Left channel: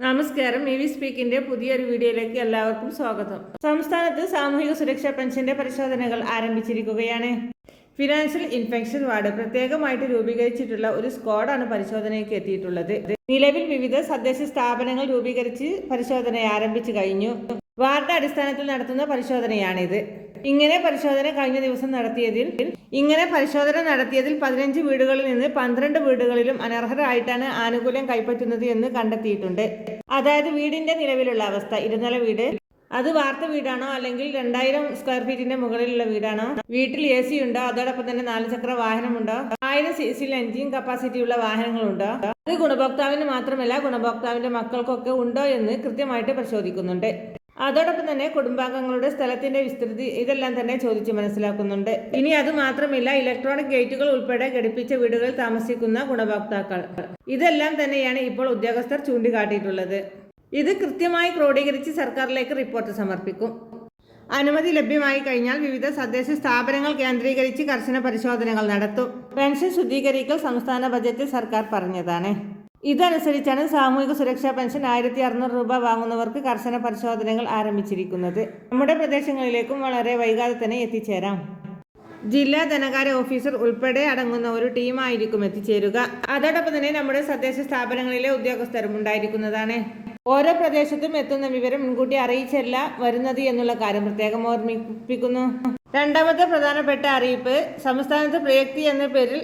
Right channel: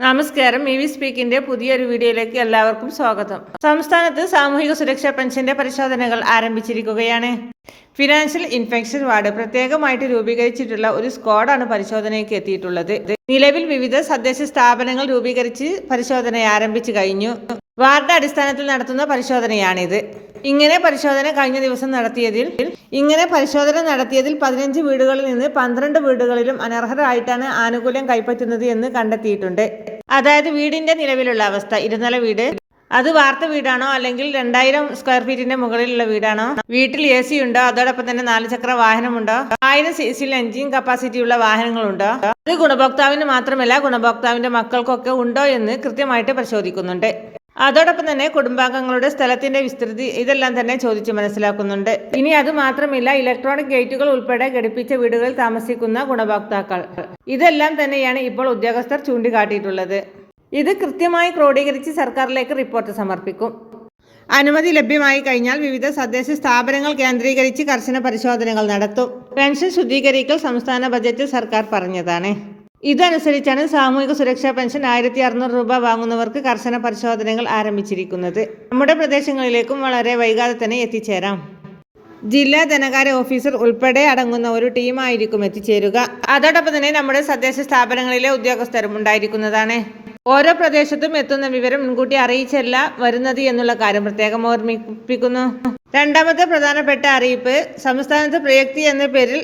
നമസ്കാരം E V സ്പീക്കിന്റെ പുതിയൊരു വീഡിയോയിലേക്ക് എല്ലാവർക്കും സ്വാഗതം. സംസ്ഥാനത്ത് സാമൂഹിക സുരക്ഷാ പെൻഷന്റെ പരിശോധനകൾ ആരംഭിച്ചിരിക്കുകയാണ്. ഫിനാൻഷ്യൽ ഇൻഫെക്ഷൻ വാർഡ് പ്രത്യേകമായിട്ട് രൂപീകരിച്ചിട്ടുള്ള ഒരു സ്ക്വാഡാണ് പരിശോധനയ്ക്ക് എത്തിയിട്ടുള്ളത്. നിലവിൽ വിവിധ തദ്ദേശ സ്ഥാപനങ്ങൾ രൂപീകരിച്ച് പരിശോധന ആരംഭിച്ചു കഴിഞ്ഞു. വാർഡ് അടിസ്ഥാനത്തിൽ നടത്തുന്ന പരിശോധനയാണിത്. ഇങ്ങനെ പരിശോധന കഴിഞ്ഞ ദിവസം നടത്തിയതിൽ ഇങ്ങനെ പരിശോധന നടത്തിയതിൽ പതിനഞ്ച് വീടുകളിൽ നിന്ന് പന്ത്രണ്ട് വീടുകളിലും അനർഹരായിട്ടാണ് ആനുകൂല്യം കൈപ്പറ്റുന്നത് എന്ന് കണ്ടെത്തിയിട്ടുണ്ട്. അതായത് വീടിന്റെ നിലവിലുള്ള അവസ്ഥ ഇരുനില വീട്. അത് വാർത്ത വീടാണോ അല്ലെങ്കിൽ രണ്ടായിരം സ്ക്വയർ ഫീറ്റിന്റെ മുകളിലുള്ള വീടാണോ? വീട്ടിൽ എ സി ഉണ്ടോ? അതോടൊപ്പം തന്നെ നാല് ചക്ര വാഹനമുണ്ടോ? ആയിരം സി സിയിൽ എഞ്ചിൻ കപ്പാസിറ്റി ഉള്ള വാഹനങ്ങളുണ്ടോ? അത് ഗുണഭോക്താവിന് മാത്രമല്ല ഗുണഭോക്താവിന്റെ മക്കൾക്കൊക്കെ ഉണ്ടോ എന്ന് കൃത്യമായിട്ട് പരിശോധിക്കുന്നുണ്ട്. അതോടൊപ്പം തന്നെ കുടുംബാംഗങ്ങളുടെ സ്ഥലത്തിന്റെ വിസ്തൃതി ഇതെല്ലാം തന്നെ ചോദിച്ചു മനസ്സിലാക്കുന്നുണ്ട്. ഇനി അത് മാത്രമില്ല ഇലക്ട്രോണിക് ഗേറ്റുകൾ ഉൾപ്പെടെ ഘടിപ്പിച്ച വീടുകൾ താമസിക്കുന്ന ഗുണഭോക്താക്കൾ. ഇതെല്ലാം തന്നെയാണ് ഇപ്പോൾ ഉദ്യോഗസ്ഥർ ചൂണ്ടിക്കാട്ടിയിട്ടുള്ളത്. ഇത് കൃത്യമായി ക്രോഡീകരിച്ച് സർക്കാരിലേക്ക് റിപ്പോർട്ട് സമർപ്പിക്കും. അനുമതി ലഭ്യമായി കഴിഞ്ഞാൽ വിവിധ തദ്ദേശ സ്ഥാപനങ്ങൾ കേന്ദ്രീകരിച്ച് കർശന പരിശോധനകൾ നടത്തും. പെൻഷൻ ശുദ്ധീകരിക്കൽ സംസ്ഥാന ബജറ്റിൽ സർക്കാർ പറഞ്ഞതാണ്. ഇതനുസരിച്ചാണ് സാമൂഹിക സുരക്ഷാ പെൻഷൻ ആയിരത്തി അറുന്നൂറ് രൂപ വാങ്ങുന്നവർക്ക് കർശന പരിശോധനകൾ ആരംഭിച്ചിരിക്കുന്നത്. നമ്മുടെ പ്രദേശങ്ങളിലേക്കും വളരെ വൈകാതെ തന്നെ എത്തിച്ചേരാം. ജില്ലാ ധനകാര്യ ഓഫീസർ ഉൾപ്പെടെ അടങ്ങുന്ന ഒരു ടീമായിരിക്കും എത്തിച്ചേരുക. അതോടൊപ്പം തന്നെ നമ്മുടെ തദ്ദേശ സ്ഥാപനങ്ങളിലെ ഉദ്യോഗസ്ഥരും ഉണ്ടായിരിക്കുന്നതാണ്. ഓരോ പ്രദേശത്തും എത്തുന്ന വിവരം മുൻകൂട്ടി അറിയിച്ചല്ല വരുന്നത് എന്നുള്ള കാര്യം പ്രത്യേകം ഓർമ്മിപ്പിക്കുന്നു. രണ്ടാമത്തെ പ്രധാനപ്പെട്ട അറിയിപ്പ് സംസ്ഥാനത്ത് പ്രയക്തി എന്ന പേരിൽ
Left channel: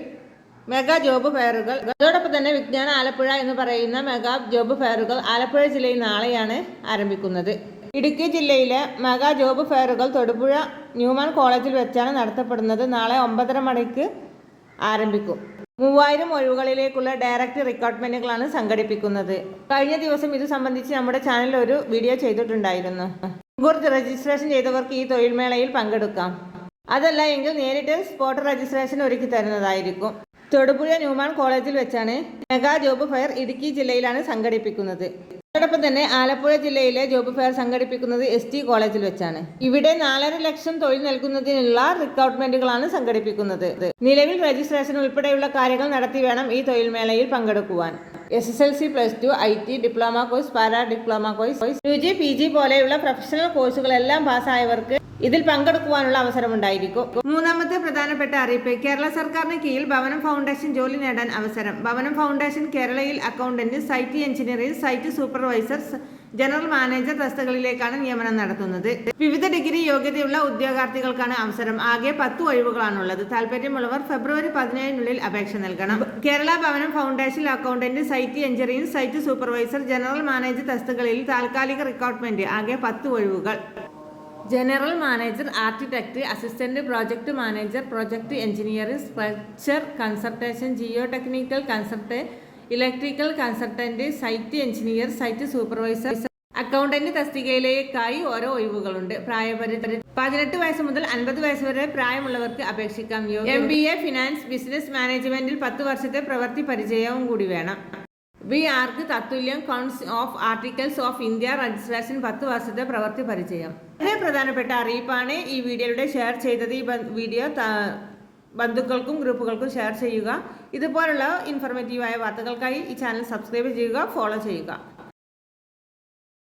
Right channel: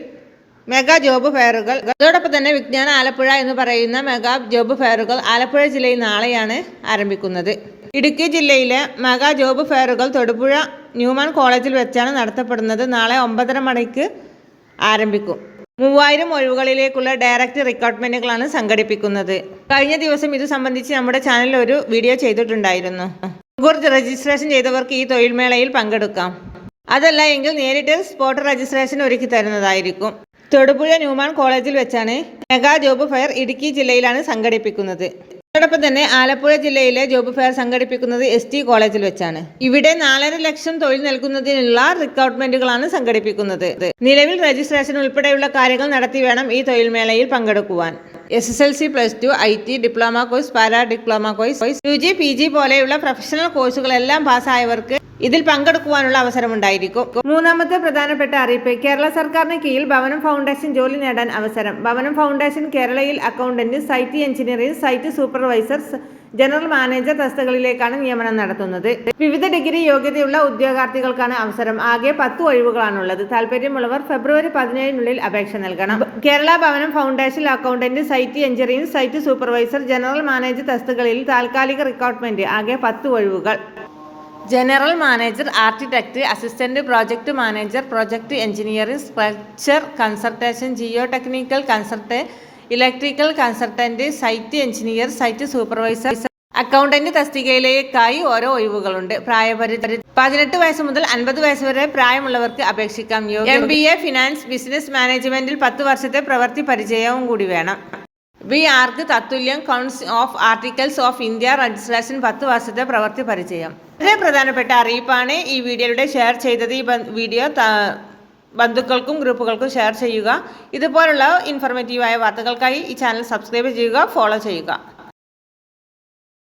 മെഗാ ജോബ് ഫെയറുകൾ. അതോടൊപ്പം തന്നെ വിജ്ഞാന ആലപ്പുഴ എന്ന് പറയുന്ന മെഗാ ജോബ് ഫെയറുകൾ ആലപ്പുഴ ജില്ലയിൽ നാളെയാണ് ആരംഭിക്കുന്നത്. ഇടുക്കി ജില്ലയിലെ മെഗാ ജോബ് ഫെയറുകൾ തൊടുപുഴ ന്യൂമാൻ കോളേജിൽ വെച്ചാണ് നടത്തപ്പെടുന്നത്. നാളെ ഒമ്പതര മണിക്ക് ആരംഭിക്കും. മൂവായിരം ഒഴിവുകളിലേക്കുള്ള ഡയറക്റ്റ് റിക്രൂട്ട്മെന്റുകളാണ് സംഘടിപ്പിക്കുന്നത്. കഴിഞ്ഞ ദിവസം ഇത് സംബന്ധിച്ച് നമ്മുടെ ചാനലിൽ ഒരു വീഡിയോ ചെയ്തിട്ടുണ്ടായിരുന്നു. മുൻകൂർ രജിസ്ട്രേഷൻ ചെയ്തവർക്ക് ഈ തൊഴിൽമേളയിൽ പങ്കെടുക്കാം. അതല്ല എങ്കിൽ നേരിട്ട് സ്പോട്ട് രജിസ്ട്രേഷൻ ഒരുക്കി തരുന്നതായിരിക്കും. തൊടുപുഴ ന്യൂമാൻ കോളേജിൽ വെച്ചാണ് മെഗാ ജോബ് ഫെയർ ഇടുക്കി ജില്ലയിലാണ് സംഘടിപ്പിക്കുന്നത്. അതോടൊപ്പം തന്നെ ആലപ്പുഴ ജില്ലയിലെ ജോബ് ഫെയർ സംഘടിപ്പിക്കുന്നത് എസ് ടി കോളേജിൽ വെച്ചാണ്. ഇവിടെ നാലര ലക്ഷം തൊഴിൽ നൽകുന്നതിനുള്ള റിക്രൂട്ട്മെന്റുകളാണ് സംഘടിപ്പിക്കുന്നത്. നിലവിൽ രജിസ്ട്രേഷൻ ഉൾപ്പെടെയുള്ള കാര്യങ്ങൾ നടത്തി വേണം ഈ തൊഴിൽമേളയിൽ പങ്കെടുക്കുവാൻ. S S L C plus two I T diploma course para diploma course U G P G പോലെയുള്ള പ്രൊഫഷണൽ കോഴ്സുകളെല്ലാം പാസ്സായവർക്ക് ഇതിൽ പങ്കെടുക്കുവാനുള്ള അവസരമുണ്ടായിരിക്കും. മൂന്നാമത്തെ പ്രധാനപ്പെട്ട അറിയിപ്പ് കേരള സർക്കാരിന് കീഴിൽ ഭവനം ഫൗണ്ടേഷൻ ജോലി നേടാൻ അവസരം. ഭവനം ഫൗണ്ടേഷൻ കേരളയിൽ accountant site engineering site supervisor general manager തസ്തികളിലേക്കാണ് നിയമനം നടത്തുന്നത്. വിവിധ ഡിഗ്രി യോഗ്യതയുള്ള ഉദ്യോഗാർത്ഥികൾക്കാണ് അവസരം. ആകെ പത്ത് ഒഴിവുകളാണുള്ളത്. താല്പര്യമുള്ളവർ ഫെബ്രുവരി പതിനേഴിനുള്ളിൽ അപേക്ഷ നൽകണം. Kerala Bhavanam foundation accountant site engineering site supervisor general manager തസ്തികളിൽ താൽക്കാലിക റിക്രൂട്ട്മെന്റ്. ആകെ പത്ത് ഒഴിവുകൾ. General manager architect assistant project manager project engineering structure consultation geotechnical consult electrical consultant site engineer site supervisor accountant തസ്തികയിലേക്കായി ഓരോ ഒഴിവുകളുണ്ട്. പ്രായപരിധി പതിനെട്ട് വയസ്സ് മുതൽ അൻപത് വയസ്സ് വരെ പ്രായമുള്ളവർക്ക് അപേക്ഷിക്കാം. M B A finance business മാനേജ്മെന്റിൽ പത്ത് വർഷത്തെ പ്രവൃത്തി പരിചയവും കൂടി വേണം. B arc തത്തുല്യം council of articles of India registration പത്ത് വർഷത്തെ പ്രവൃത്തി പരിചയം. വളരെ പ്രധാനപ്പെട്ട അറിയിപ്പാണ് ഈ വീഡിയോയുടെ ഷെയർ ചെയ്തത്. ഈ വീഡിയോ ബന്ധുക്കൾക്കും ഗ്രൂപ്പുകൾക്കും ഷെയർ ചെയ്യുക. ഇതുപോലുള്ള ഇൻഫോർമേറ്റീവായ വാർത്തകൾക്കായി ഈ ചാനൽ സബ്സ്ക്രൈബ് ചെയ്യുക ഫോളോ ചെയ്യുക.